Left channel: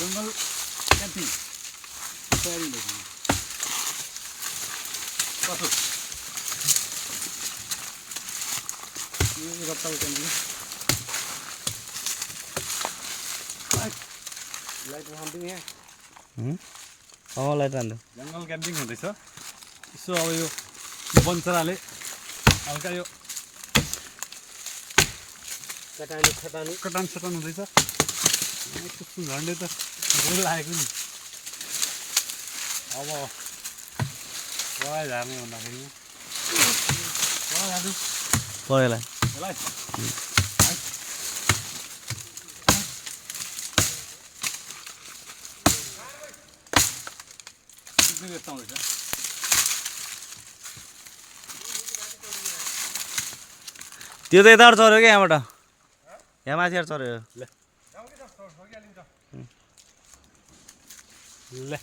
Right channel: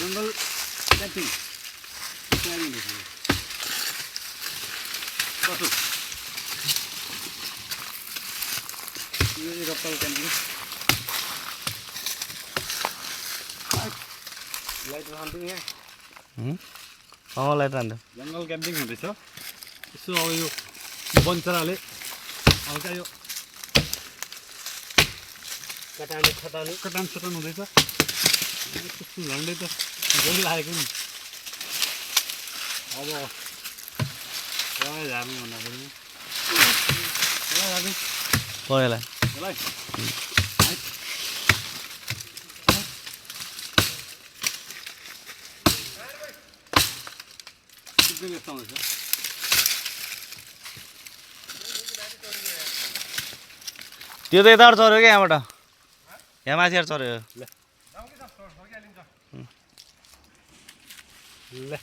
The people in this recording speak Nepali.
जंगल कैंपिंग तयारी लेखिए कठो ये रप्ताल कैंपिंग लाइट हान्टिङ यहाँ लाइट राख्नु जंगल कैंपिंग हुँदैछ यसो अब यो वनचराले हल्का यो कटान सटान हुँदैछ त्यस्तो झन्डै त झन् लागेको नि अब लगाइ झार्नु भन्दाखेरि लगाइहाल्नु पहिला यसलाई यस्तो आउँदैछ त्यो त यता चढ्यो क्या यहाँबाट यहाँ माथि चढ्यो ल